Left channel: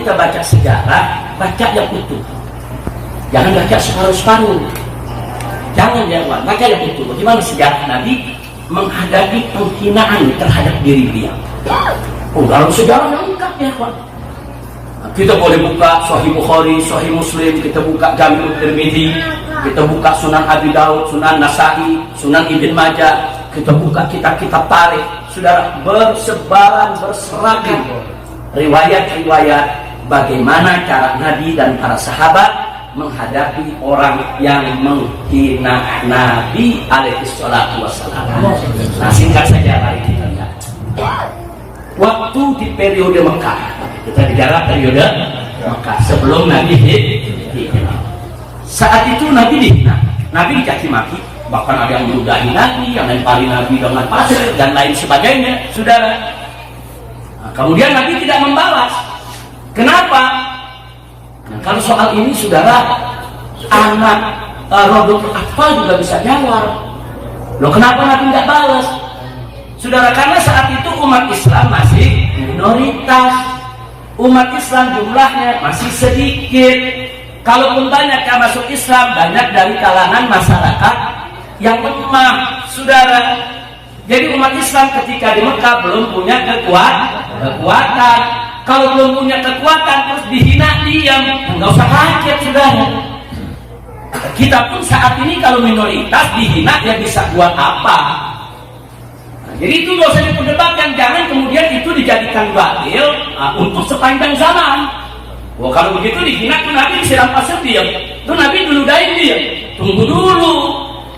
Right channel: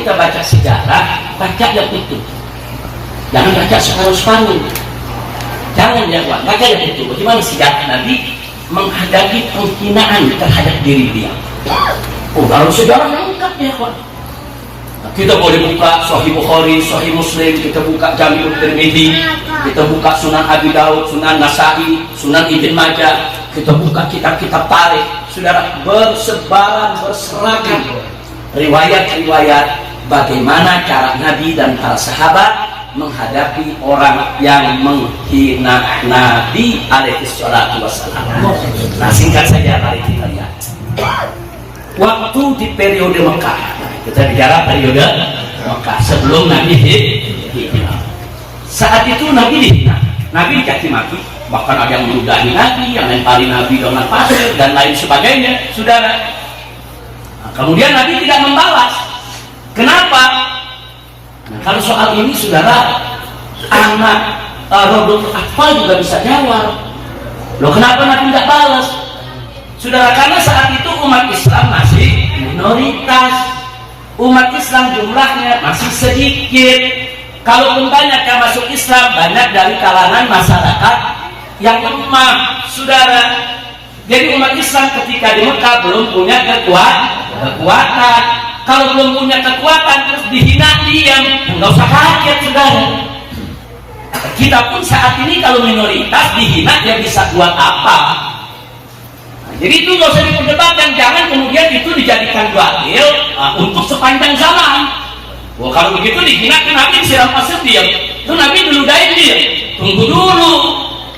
kita baca sejarah, baca yang utuh. Jangan baca separuh-separuh. Jangan baca yang utuh. Bagaimana sejarah Nabi menghadapi penghinaan terhadap diri dia. Oh, dalam sejarah yang lengkap ya, kawan. Kita boleh buka Sahih Bukhari, Sahih Muslim, kita buka Jami'ut Tirmidzi, kita buka Sunan Abi Daud, Sunan Nasa'i, Sunan Ibn Majah, kita buka kitab-kitab tarikh. Saudara, bersebaran berseragam riwayat-riwayat bagaimana cara Nabi dan para sahabat menghadapi orang yang menghina Nabi alaihi salatu wassalam. Nah, singkat saja mari kita lihat. Waktu di periode Mekah, kita bicara periode Mekah sebelum Nabi hijrah. Saat itu Nabi dihina, Nabi dicaci maki, bahkan ada yang meludahi Nabi, yang lempari Nabi dengan pasir dan lain sebagainya, saudara. Nah, kemudian Nabi tidak membalas. Kenapa? Nah, kalau soal ini, saudara, anak Rodul Atfal juga bisa jawab. Loh, kenapa Nabi tidak balas? Saudara, karena saat itu umat Islam masih minoritas. Umat Islam jumlahnya masih sedikit. Kalaupun banyak yang masuk Islam, banyak dari kalangan masyarakat yang lemah, saudara. Jadi umat Islam ketika di Mekah belum punya kekuatan. Kalau belum punya kekuatan terus dihina, diam, nggak usah kaget, saudara. Kita pun saat ini kalau minoritas dihina, ya bisa buat apa? Jadi itu nggak usah diperdebatkan, jangan kemudian itu dijadikan dalil untuk sepanjang zaman. Wah, kalau begitu dihina tuh Nabi disiram pasir diam, tuh Nabi diludahin diam. Tunggu dulu,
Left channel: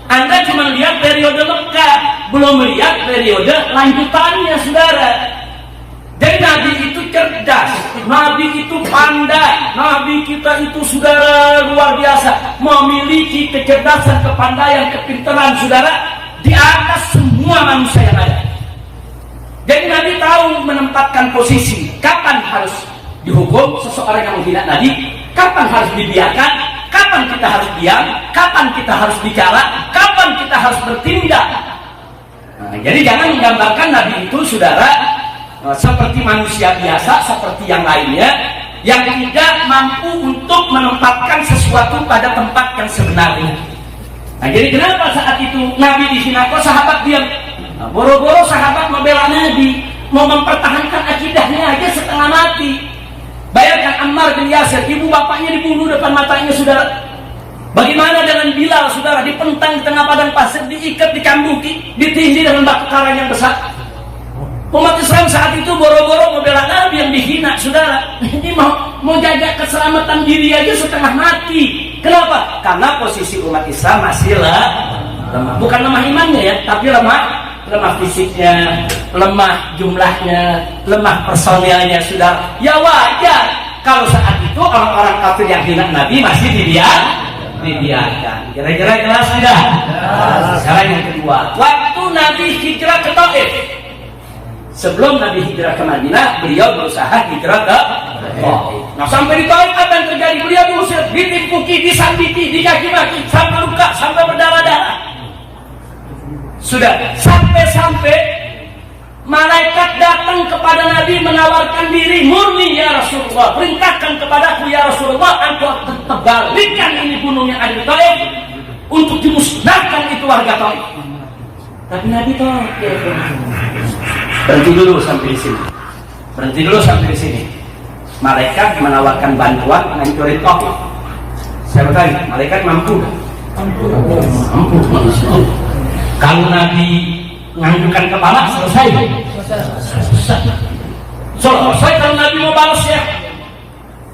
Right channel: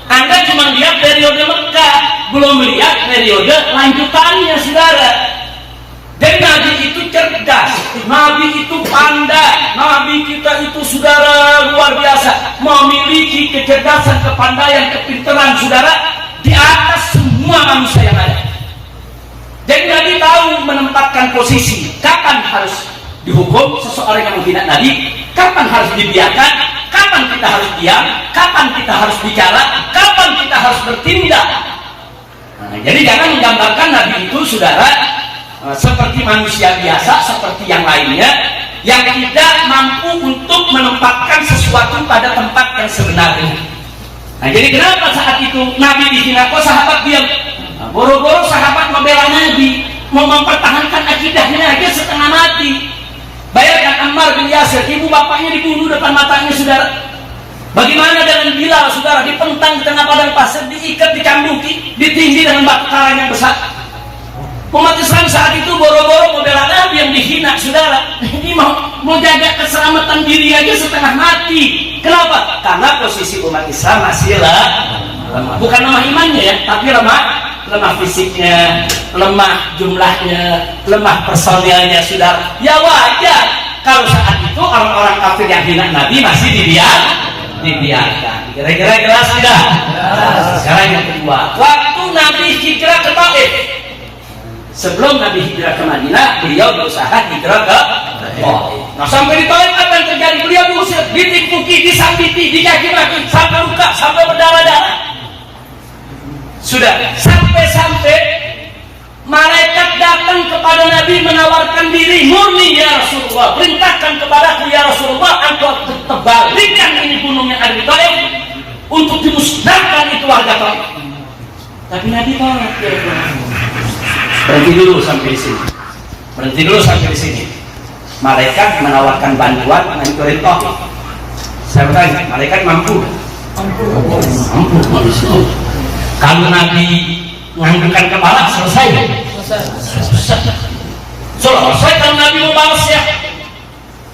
Anda cuma lihat periode Mekah, belum lihat periode lanjutannya, saudara. Dan Nabi itu cerdas, Nabi itu pandai, Nabi kita itu, saudara, luar biasa, memiliki kecerdasan, kepandaian, kepintaran, saudara, di atas semua manusia yang ada. Jadi Nabi tahu menempatkan posisi, kapan harus dihukum seseorang yang menghina Nabi, kapan harus dibiarkan, kapan kita harus diam, kapan kita harus bicara, kapan kita harus bertindak. Nah, jadi jangan menggambarkan Nabi itu, saudara, seperti manusia biasa, seperti yang lainnya, yang tidak mampu untuk menempatkan sesuatu pada tempat yang sebenarnya. Nah, jadi kenapa saat itu Nabi dihina, kok sahabat diam? Nah, boro-boro sahabat membela Nabi, mau mempertahankan akidahnya aja setengah mati. Bayangkan Ammar bin Yasir, ibu bapaknya dibunuh depan matanya, saudara. Bagaimana dengan Bilal, saudara, dipentang di tengah padang pasir, diikat, dicambuki, ditindih dengan batu karang yang besar. Umat Islam saat itu boro-boro membela Nabi yang dihina, saudara. Ini mau jaga keselamatan diri aja setengah mati. Kenapa? Karena posisi umat Islam masih lemah. Bukan lemah imannya ya, tapi lemah fisiknya, lemah jumlahnya, lemah personilnya, saudara. Ya wajar kalau saat itu orang-orang kafir yang hina Nabi masih dibiarkan. Kira-kira jelas tidak? Sekarang yang kedua, waktu Nabi hijrah ke Taif. Sebelum Nabi hijrah ke Madinah, beliau berusaha hijrah ke Taif. Nah, sampai di Taif apa yang terjadi? Beliau diusir, ditipuki, disambiti, dicaci-maki, sampai luka, sampai berdarah-darah. Sudah, sampai-sampai malaikat datang kepada Nabi menawarkan diri, murni ya Rasulullah, perintahkan kepadaku ya Rasulullah, engkau terbalikan ini gunungnya ada di Taif untuk dimusnahkan itu warga Taif. Tapi Nabi tolak, ya. Berhenti dulu sampai di sini. Malaikat menawarkan bantuan menghancurin Taif. Saya bertanya, malaikat mampu? Mampu. Kalau Nabi menganggukkan kepala, selesai. Selesai kalau Nabi mau balas ya.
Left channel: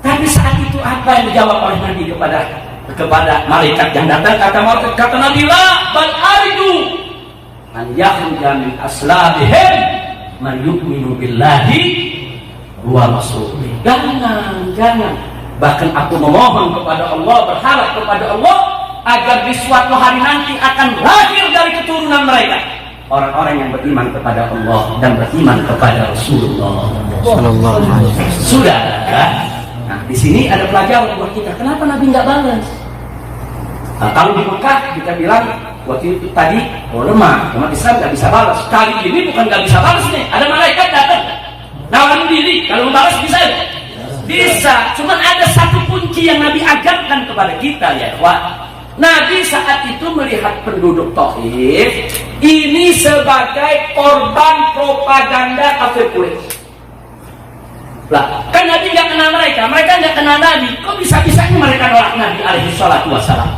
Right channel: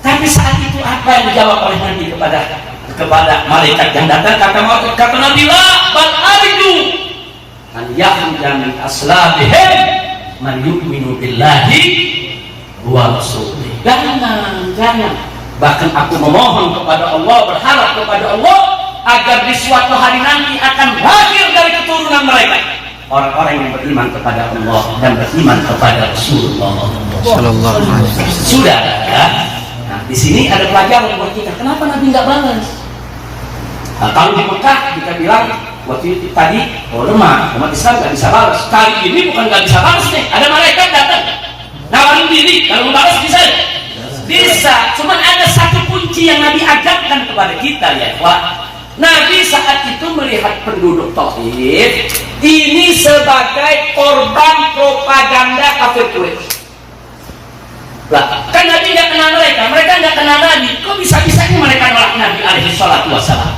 Tapi saat itu apa yang dijawab oleh Nabi kepada malaikat yang datang? Kata Nabi, la bal arju an yakhruja min aslabihim man yu'minu billahi wa rasulih. Jangan. Bahkan aku memohon kepada Allah, berharap kepada Allah agar di suatu hari nanti akan lahir dari keturunan mereka orang-orang yang beriman kepada Allah dan beriman kepada Rasulullah sallallahu alaihi wasallam. Sudah. Nah, di sini ada pelajaran buat kita. Kenapa Nabi nggak balas? Nah, kalau di Mekah kita bilang waktu itu tadi, lemah, umat Islam nggak bisa balas. Kali ini bukan nggak bisa balas nih, ada malaikat datang nawarin diri, kalau balas bisa. Bisa, cuman ada satu kunci yang Nabi ajarkan kepada kita ya ikhwan. Nabi saat itu melihat penduduk Taif ini sebagai korban propaganda kafir Quraisy. Lah, kan Nabi nggak kenal mereka nggak kenal Nabi. Kok bisa-bisanya mereka nolak Nabi alaihi salatu wassalam?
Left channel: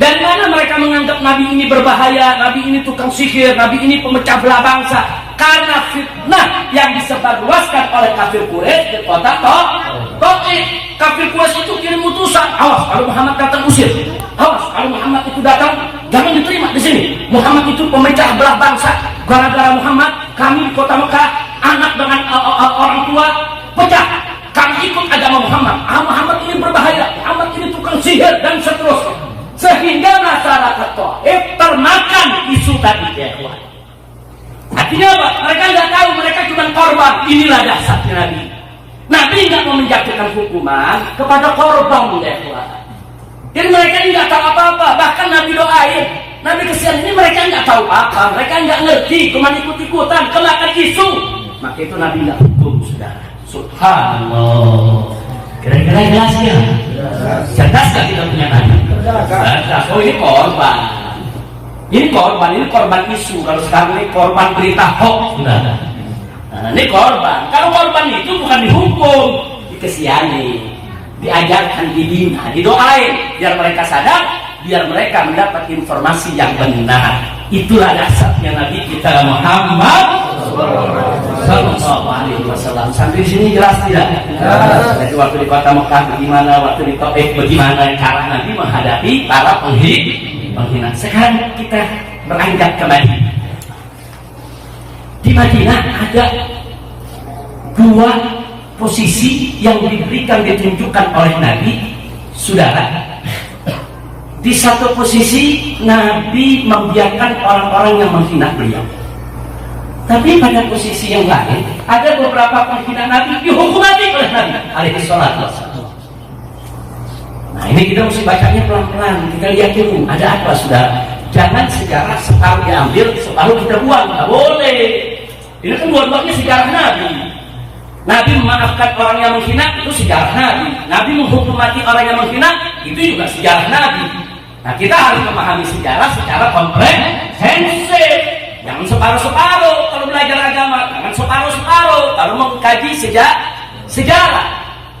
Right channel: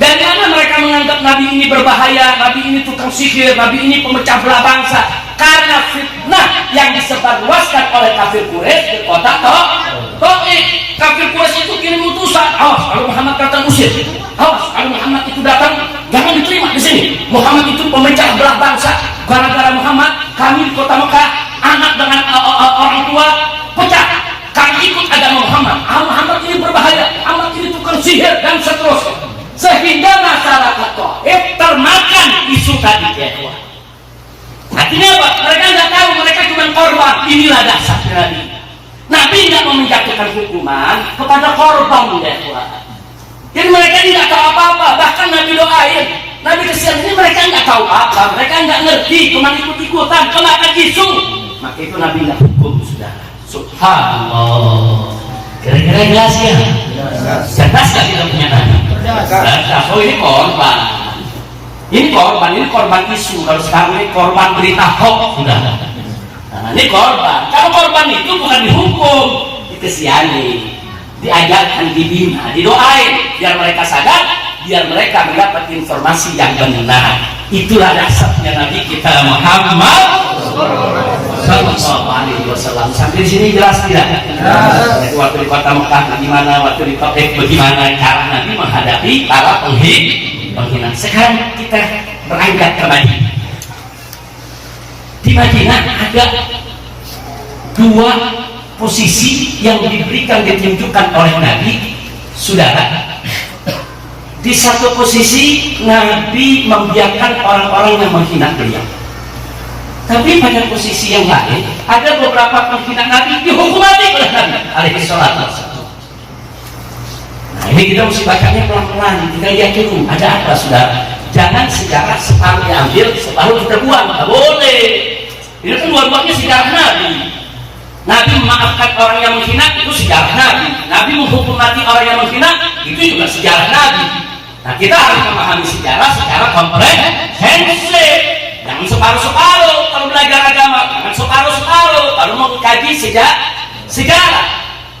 Dari mana mereka menganggap Nabi ini berbahaya, Nabi ini tukang sihir, Nabi ini pemecah belah bangsa? Karena fitnah yang disebarluaskan oleh kafir Quraisy di kota Taif. Kafir Quraisy itu kirim utusan, awas kalau Muhammad datang usir, awas kalau Muhammad itu datang jangan diterima di sini. Muhammad itu pemecah belah bangsa. Gara-gara Muhammad kami di kota Mekah anak dengan orang tua pecah. Kami ikut agama Muhammad. Muhammad ini berbahaya, Muhammad ini tukang sihir dan seterusnya. Sehingga masyarakat Taif termakan isu tadi ya. Artinya apa? Mereka nggak tahu, mereka cuma korban. Inilah dasarnya Nabi. Nabi nggak mau menjatuhkan hukuman kepada korban ya. Jadi mereka ini nggak tahu apa-apa. Bahkan Nabi doain, Nabi kesian ini mereka nggak tahu apa, mereka nggak ngerti, cuma ikut-ikutan, kemakan isu. Maka itu Nabi nggak hukum sudah. Subhanallah. Kira-kira jelas ya? Cerdas nggak kita punya Nabi? Cerdas. Oh ini korban. Ini korban isu. Kalau sekarang ini korban berita hoax sudah. Nah, ini korban. Kalau korban itu bukan dihukum, dikesihani, diajarkan, dibina, didoain, biar mereka sadar, biar mereka mendapat informasi yang benar. Itulah dasarnya Nabi kita Muhammad Sallallahu Alaihi Wasallam. Sampai sini jelas tidak? Jadi waktu di kota Mekah bagaimana, waktu di Taif bagaimana cara Nabi menghadapi para penghina. Sekarang kita beranjak ke Madinah. Di Madinah ada dua posisi yang ditunjukkan oleh Nabi, saudara. Di satu posisi Nabi membiarkan orang-orang yang menghina beliau. Tapi pada posisi yang lain ada beberapa penghina Nabi dihukum mati oleh Nabi alaihi salatu wassalam. Nah ini kita mesti bacanya pelan-pelan, kita yakinin ada apa saudara. Jangan sejarah separuh diambil, separuh kita buang, nggak boleh. Ini kan dua-duanya sejarah Nabi. Nabi memaafkan orang yang menghina, itu sejarah Nabi. Nabi menghukum mati orang yang menghina, itu juga sejarah Nabi. Nah kita harus memahami sejarah secara komprehensif. Jangan separuh-separuh kalau belajar agama, jangan separuh-separuh kalau mau kaji sejarah.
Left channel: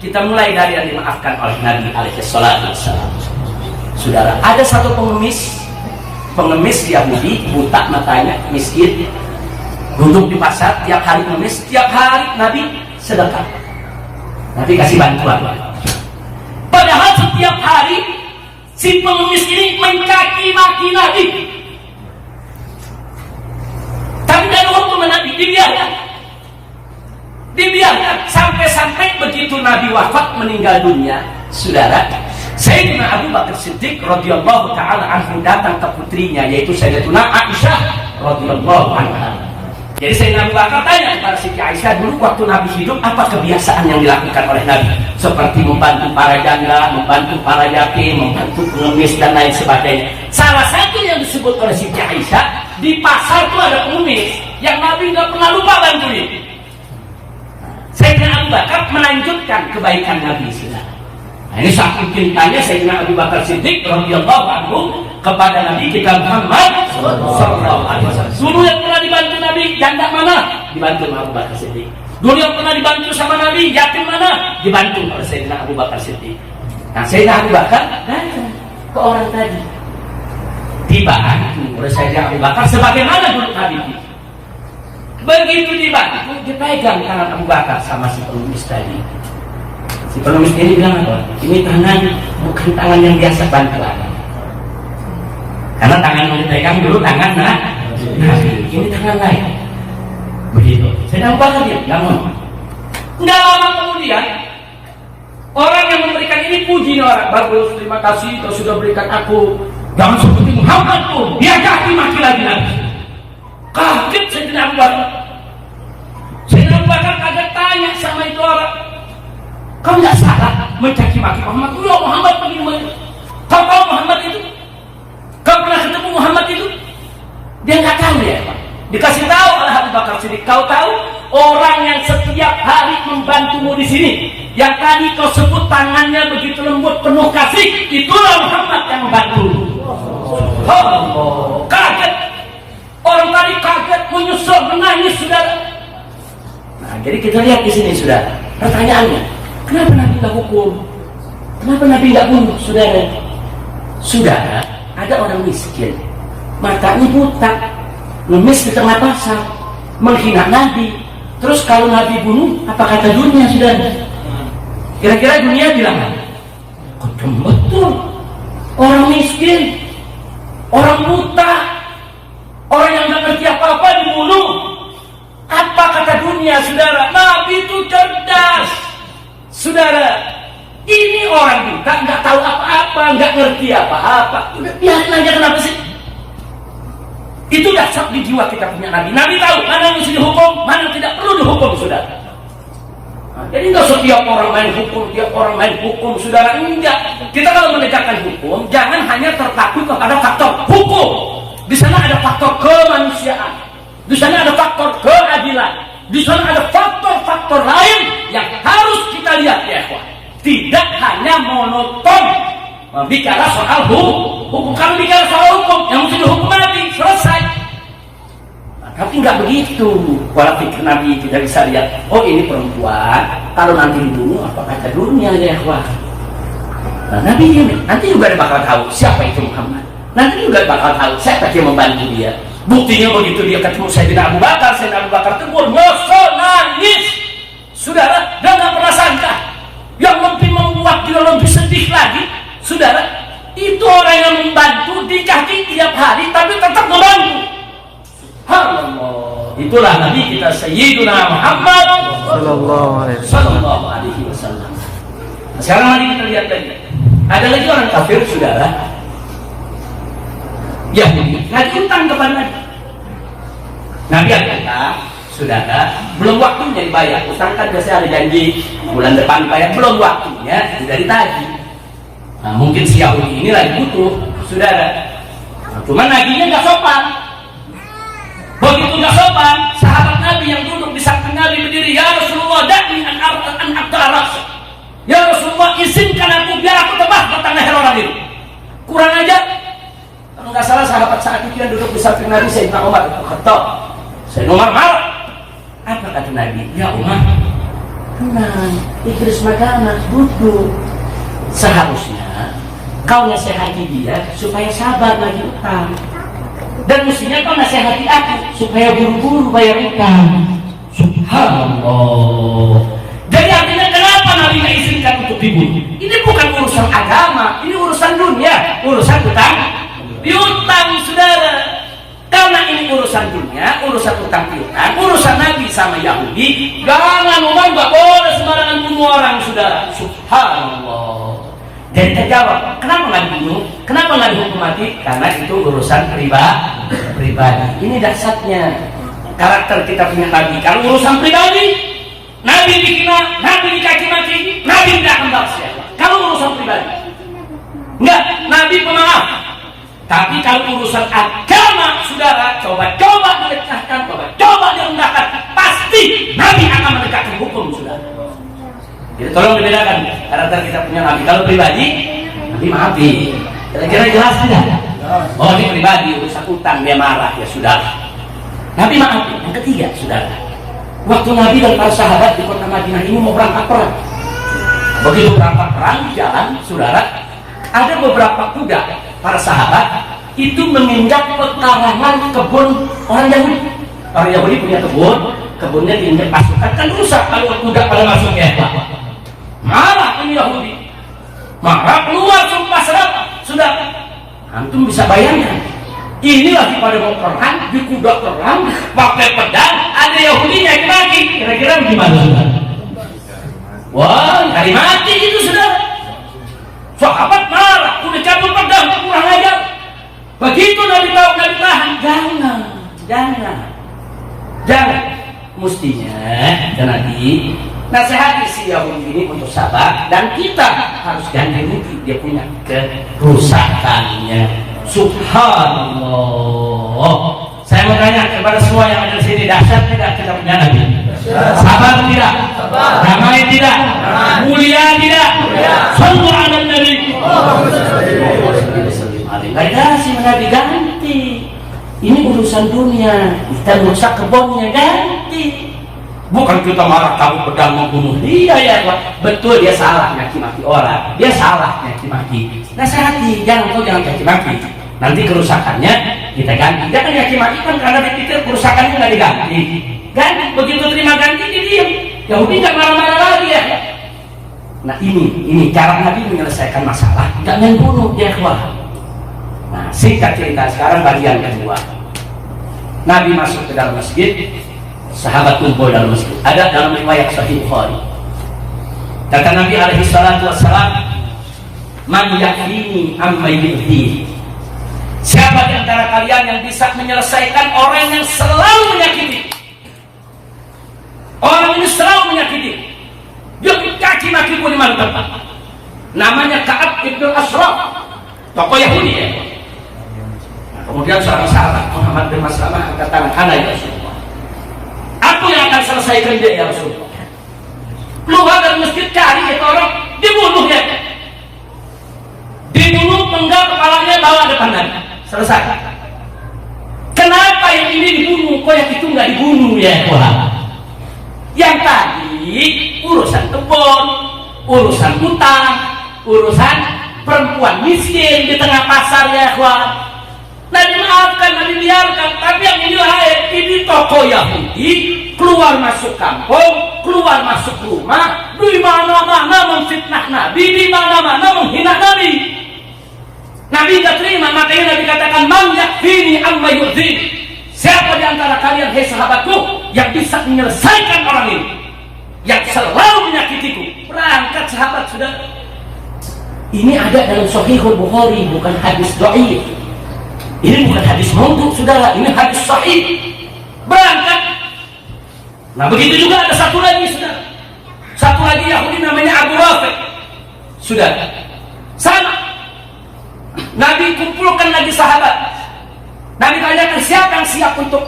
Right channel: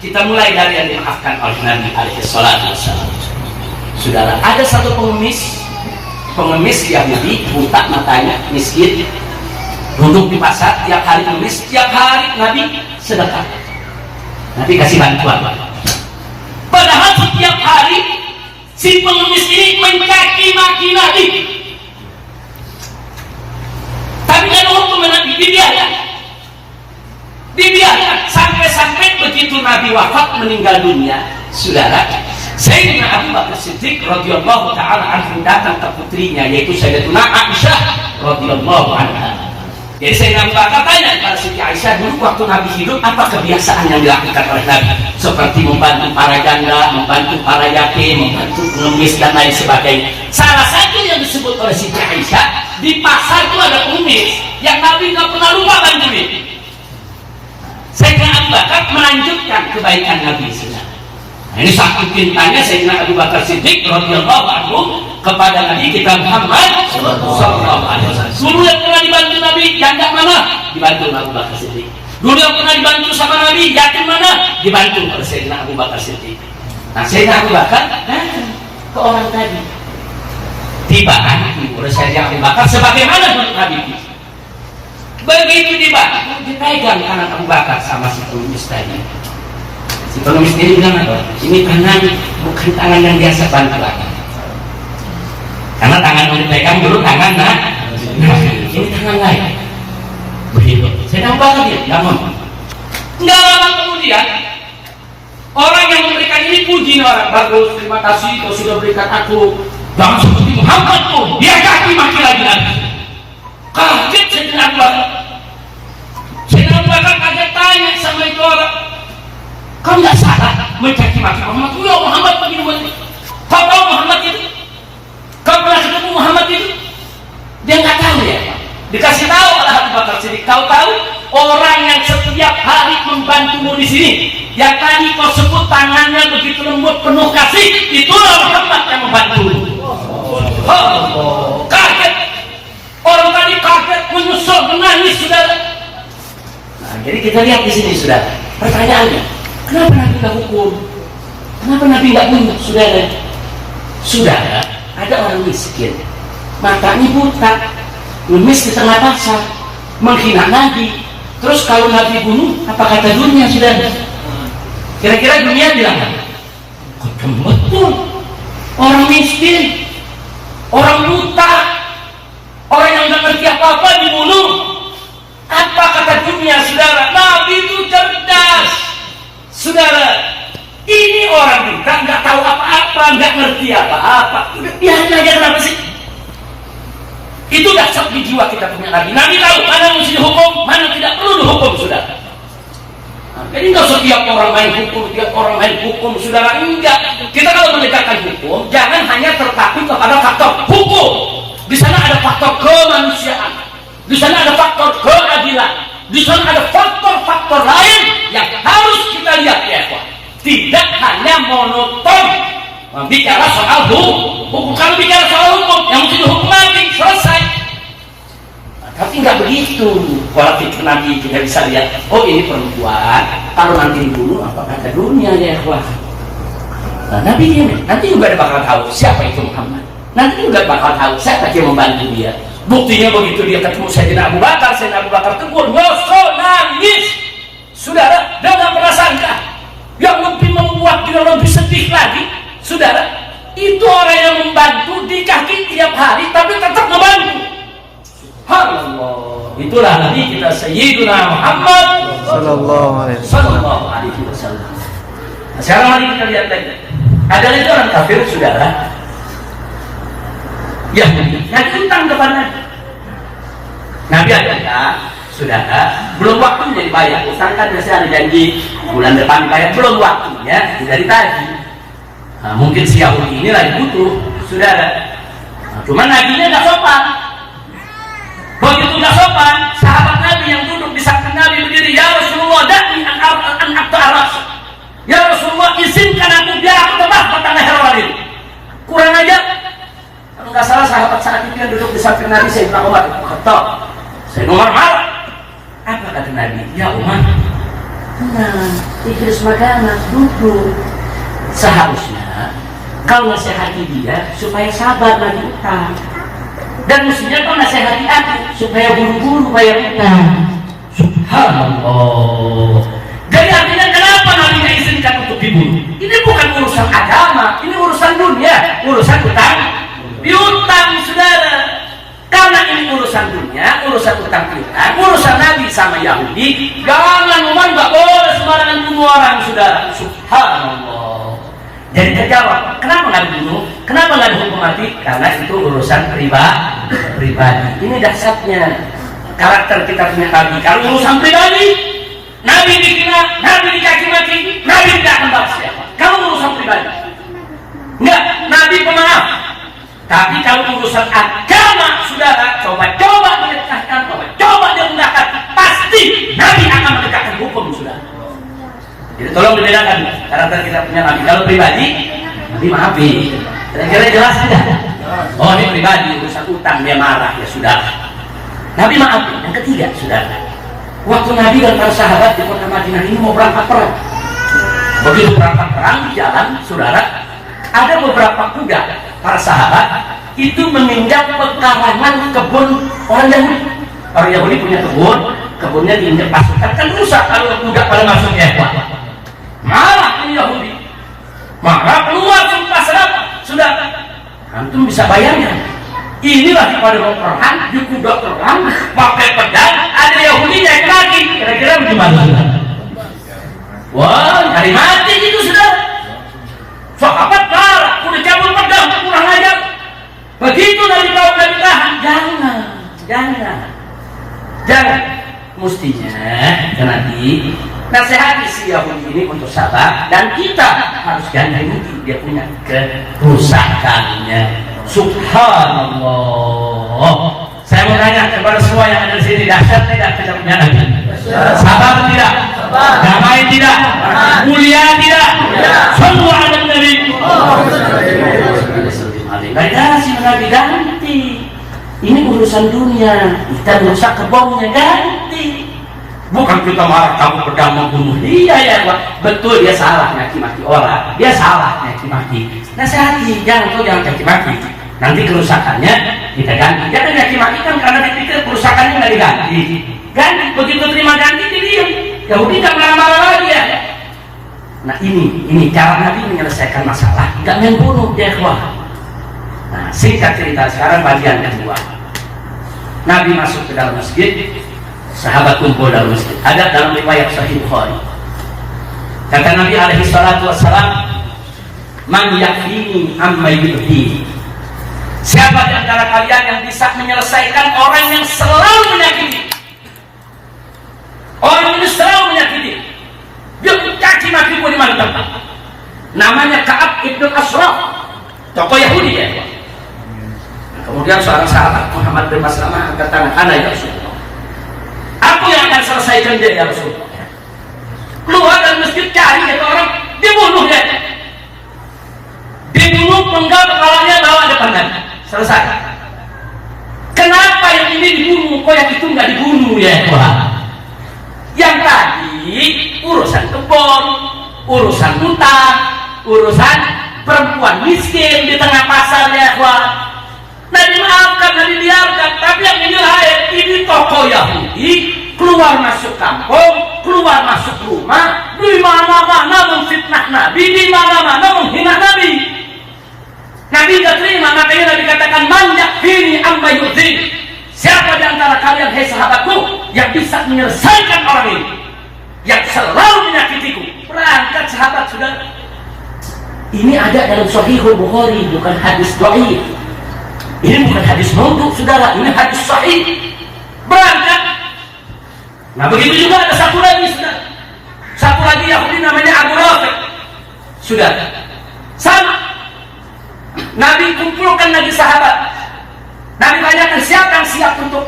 Kita mulai dari yang dimaafkan oleh Nabi alaihi salatu wassalam. Saudara, ada satu pengemis Yahudi, buta matanya, miskin, duduk di pasar, tiap hari pengemis, tiap hari Nabi sedekah, Nabi kasih bantuan. Padahal setiap hari si pengemis ini mencaci maki Nabi, tapi kan hukum Nabi dibiarkan sampai begitu Nabi wafat meninggal dunia, saudara. Sayyidina Abu Bakar Siddiq radhiyallahu taala anhu datang ke putrinya yaitu Sayyidatuna Aisyah radhiyallahu anha. Jadi Sayyidina Abu Bakar tanya kepada Siti Aisyah, dulu waktu Nabi hidup apa kebiasaan yang dilakukan oleh Nabi? Seperti membantu para janda, membantu para yatim, membantu pengemis dan lain sebagainya. Salah satu yang disebut oleh Siti Aisyah, di pasar itu ada pengemis yang Nabi nggak pernah lupa bantuin. Sayyidina Abu Bakar melanjutkan kebaikan Nabi SAW. Nah, ini satu cintanya Sayyidina Abu Bakar Siddiq radhiyallahu anhu kepada Nabi kita Muhammad sallallahu alaihi wasallam. Dulu yang pernah dibantu Nabi janda mana? Dibantu Abu Bakar Siddiq. Dulu yang pernah dibantu sama Nabi yatim mana? Dibantu oleh Sayyidina Abu Bakar Siddiq. Nah, Sayyidina Abu Bakar datang ke orang tadi, dibantu oleh Sayyidina Abu Bakar sebagaimana dulu Nabi. Begitu dibantu, dipegang tangan Abu Bakar sama si pengemis tadi. Si pengemis ini bilang apa? Ini tangan bukan tangan yang biasa bantu lagi. Karena tangan yang dipegang dulu tangan ini tangan lain. Begitu. Saya nampak dia, namun nggak lama kemudian orang yang memberikan ini puji orang bagus, terima kasih kau sudah berikan aku. Jangan seperti Muhammad tuh, dia kaki maki lagi. Kaget Sayyidina Abu Bakar. Sayyidina Abu Bakar kaget tanya sama itu orang, kau nggak salah mencaci maki Muhammad? Ya Muhammad begini. Kau tahu Muhammad itu? Kau pernah ketemu Muhammad itu? Dia nggak tahu ya Pak. Dikasih tahu oleh Abu Bakar Siddiq, kau tahu orang yang setiap hari membantumu di sini yang tadi kau sebut tangannya begitu lembut penuh kasih, itulah Muhammad yang membantu. Oh, kaget. Orang tadi kaget, menyusul, menangis, saudara. Nah, jadi kita lihat di sini, saudara. Pertanyaannya, kenapa Nabi nggak hukum? Kenapa Nabi nggak bunuh, saudara? Saudara, ada orang miskin, matanya buta, ngemis di tengah pasar, menghina Nabi. Terus kalau Nabi bunuh, apa kata dunia, saudara? Kira-kira dunia bilang apa? Kocok betul. Orang miskin, orang buta, orang yang nggak ngerti apa-apa dibunuh. Apa kata dunia, saudara? Nabi itu cerdas, saudara. Ini orang buta, nggak tahu apa-apa, nggak ngerti apa-apa. Udah biarin aja, kenapa sih? Itu dasar di jiwa kita punya Nabi. Nabi tahu mana mesti dihukum, mana tidak perlu dihukum, saudara. Nah, jadi nggak setiap orang main hukum, tiap orang main hukum, saudara. Enggak. Kita kalau menegakkan hukum, jangan hanya terpaku kepada faktor hukum. Di sana ada faktor kemanusiaan, di sana ada faktor keadilan, di sana ada faktor-faktor lain yang harus kita lihat, ya kawan. Tidak hanya monoton bicara soal hukum. Kalau bicara soal hukum, yang mesti dihukum Nabi, selesai. Nah, tapi nggak begitu. Pola pikir Nabi kita bisa lihat. Oh, ini perempuan, kalau nanti dibunuh apa kata dunia, ya kawan. Nah, Nabi diam. Nanti juga ada bakal tahu siapa itu Muhammad. Nanti juga bakal tahu siapa yang membantu dia. Buktinya begitu dia ketemu Sayyidina Abu Bakar tegur, nyosor, nangis. Saudara, dia nggak pernah sangka. Yang lebih membuat dia lebih sedih lagi, saudara, itu orang yang membantu di kaki tiap hari, tapi tetap membantu. Subhanallah. Itulah Nabi kita Sayyidina Muhammad Sallallahu Alaihi Wasallam. Nah, sekarang mari kita lihat lagi. Ada lagi orang kafir, saudara, Yahudi, nagih utang kepada Nabi. Nabi ada utang, saudara, belum waktunya dibayar. Utang kan biasanya ada janji bulan depan dibayar, belum waktunya dari tadi. Nah, mungkin si Yahudi ini lagi butuh, saudara. Nah, cuma nagihnya nggak sopan. Begitu nggak sopan, sahabat Nabi yang duduk di samping Nabi berdiri, ya Rasulullah, da'ni an aras. Ya Rasulullah, izinkan aku biar aku tebas batang leher orang ini. Kurang aja. Kalau nggak salah sahabat saat itu yang duduk di samping Nabi, Sayyidina Umar itu Khattab. Sayyidina Umar marah. Apa kata Nabi? Ya Umar, tenang, Idris Magana duduk. Seharusnya kau nasihati dia supaya sabar lagi utang. Dan mestinya kau nasihati aku supaya buru-buru bayar utang. Subhanallah. Jadi artinya kenapa Nabi nggak izinkan untuk dibunuh? Ini bukan urusan agama, ini urusan dunia, urusan utang piutang, saudara. Karena ini urusan dunia, urusan utang piutang, urusan Nabi sama Yahudi. Jangan Umar, nggak boleh sembarangan bunuh orang, saudara. Subhanallah. Jadi terjawab, kenapa nggak dibunuh? Kenapa nggak dihukum mati? Karena itu urusan pribadi. Ini dasarnya karakter kita punya Nabi. Kalau urusan pribadi, Nabi dihina, Nabi dicaci maki, Nabi tidak akan balas siapa. Kalau urusan pribadi, enggak, Nabi pemaaf. Tapi kalau urusan agama, saudara, coba mendekatkan, coba diundangkan, pasti Nabi akan menegakkan hukum, saudara. Jadi tolong dibedakan karakter kita punya Nabi. Kalau pribadi, Nabi maafi. Kira-kira jelas tidak? Oh, ini pribadi, urusan utang dia marah, ya sudah. Nabi maafi. Yang ketiga, saudara, waktu Nabi dan para sahabat di kota Madinah ini mau berangkat perang. Begitu berangkat perang di jalan, saudara, ada beberapa kuda para sahabat itu meminjam pekarangan kebun orang Yahudi. Orang Yahudi punya kebunnya diinjak pasukan, kan rusak kalau kuda pada masuk ya. Marah ini Yahudi, marah keluar sumpah serapah. Sudah, antum bisa bayangkan. Inilah pada mau perang, di kuda perang, pakai pedang, ada Yahudi naik kaki. Kira-kira bagaimana? Wah, hari mati gitu sudah. Sahabat marah, udah cabut pedang, kurang ajar. Begitu Nabi tahu Nabi tahan, jangan. Mestinya Nabi nasihati si Yahudi ini untuk sabar, dan kita harus ganti rugi dia punya kerusakannya. Subhanallah. Saya mau tanya kepada semua yang ada di sini, dahsyat tidak kita punya Nabi? Sabar tidak? Damai tidak? Mulia tidak? Sallu ala Nabi. Gak dikasih Nabi, ganti. Ini urusan dunia, kita merusak kebunnya, ganti. Bukan kita marah kamu pedang membunuh dia, ya Pak. Betul, dia salah maki-maki orang, dia salah maki-maki. Nasihati, jangan caci-maki. Nanti kerusakannya kita ganti. Jangan caci-maki kan karena dipikir kerusakannya nggak diganti. Ganti, begitu terima ganti dia diam. Yahudi nggak marah-marah lagi ya. Nah ini cara Nabi menyelesaikan masalah, nggak main bunuh dia keluar. Nah, singkat cerita sekarang bagian kedua. Nabi masuk ke dalam masjid, sahabat kumpul dalam masjid. Ada dalam riwayat Sahih Bukhari. Kata Nabi alaihi salatu wassalam, "Man yakfini amma yu'ti." Siapa di antara kalian yang bisa menyelesaikan orang yang selalu menyakiti? Orang ini selalu menyakiti. Dia caci maki di mana tempat. Namanya Ka'ab ibn Ashraf, tokoh Yahudi ya. Kemudian seorang sahabat Muhammad bin Maslamah angkat tangan, "Ana ya Rasulullah. Aku yang akan selesaikan dia ya Rasulullah." Keluar dari masjid cari itu orang, dibunuh dia. Dibunuh, penggal kepalanya, bawa depan Nabi. Selesai. Kenapa yang ini dibunuh, kok yang itu nggak dibunuh ya Tuhan? Yang tadi urusan kebun, urusan utang, urusan perempuan miskin di tengah pasar ya Tuhan. Nabi maafkan, Nabi biarkan. Tapi yang ini lain, ini tokoh Yahudi keluar masuk kampung, keluar masuk rumah, di mana-mana memfitnah Nabi, di mana-mana menghina Nabi. Nabi tidak terima, makanya Nabi katakan, "Man yakfini amma yu'dhin." Siapa di antara kalian, hai sahabatku, yang bisa menyelesaikan orang ini, yang selalu menyakitiku? Berangkat sahabat, saudara. Ini ada dalam Sahihul Bukhari, bukan hadis dhaif. Ini bukan hadis maudhu, saudara. Ini hadis sahih. Berangkat. Nah begitu juga ada satu lagi, saudara. Satu lagi Yahudi namanya Abu Rafiq. Saudara, sama. Nabi kumpulkan lagi sahabat. Nabi tanyakan siapa yang siap untuk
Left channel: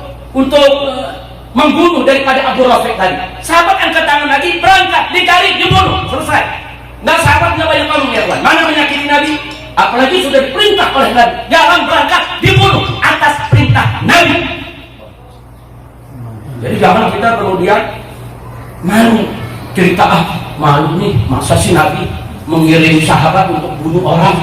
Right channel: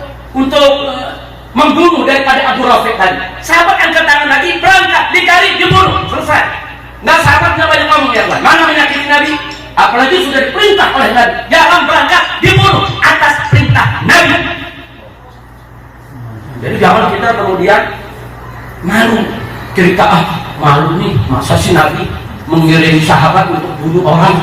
membunuh daripada Abu Rafiq tadi. Sahabat angkat tangan lagi, berangkat, dicari, dibunuh, selesai. Nah sahabatnya banyak ngomong ya Tuhan, mana menyakiti Nabi? Apalagi sudah diperintah oleh Nabi, jangan berangkat, dibunuh atas perintah Nabi. Jadi jangan kita kemudian malu cerita, malu nih, masa sih Nabi mengirim sahabat untuk bunuh orang?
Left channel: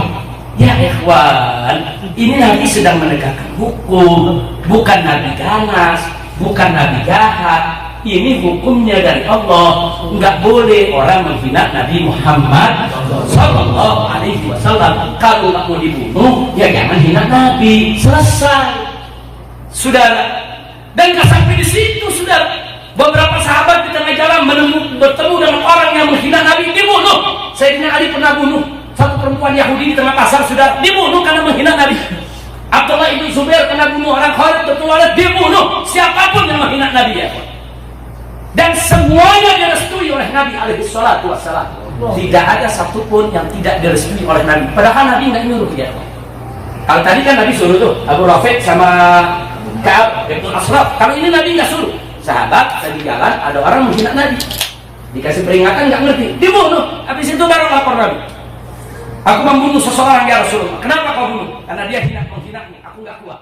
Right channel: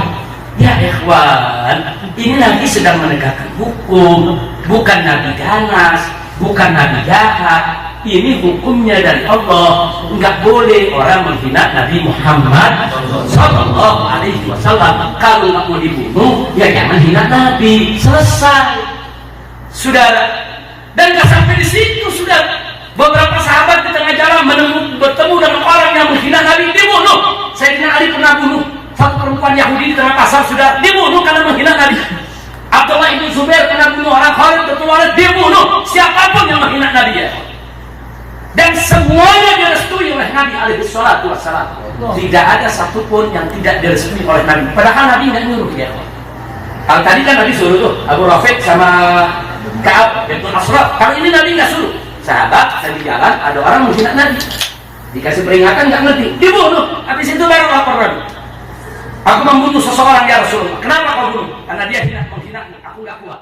Ya ikhwan, ini Nabi sedang menegakkan hukum, bukan Nabi ganas, bukan Nabi jahat. Ini hukumnya dari Allah. Enggak boleh orang menghina Nabi Muhammad Sallallahu Alaihi Wasallam. Kalau nggak mau dibunuh, ya jangan hina Nabi. Selesai, saudara. Dan nggak sampai di situ, saudara. Beberapa sahabat di tengah jalan bertemu dengan orang yang menghina Nabi, dibunuh. Sayyidina Ali pernah bunuh satu perempuan Yahudi di tengah pasar, sudah dibunuh karena menghina Nabi. Abdullah ibn Zubair pernah bunuh orang, Khalid bin Walid dibunuh. Siapapun yang menghina Nabi ya. Dan semuanya direstui oleh Nabi alaihi salatu wassalam. Tidak ada satupun yang tidak direstui oleh Nabi. Padahal Nabi nggak nyuruh dia. Kalau tadi kan Nabi suruh tuh Abu Rafiq sama Ka'ab bin Ashraf. Kalau ini Nabi nggak suruh. Sahabat tadi jalan ada orang menghina Nabi. Dikasih peringatan nggak ngerti, dibunuh. Habis itu baru lapor Nabi. Aku membunuh seseorang ya Rasulullah. Kenapa kau bunuh? Karena dia menghina, aku nggak kuat.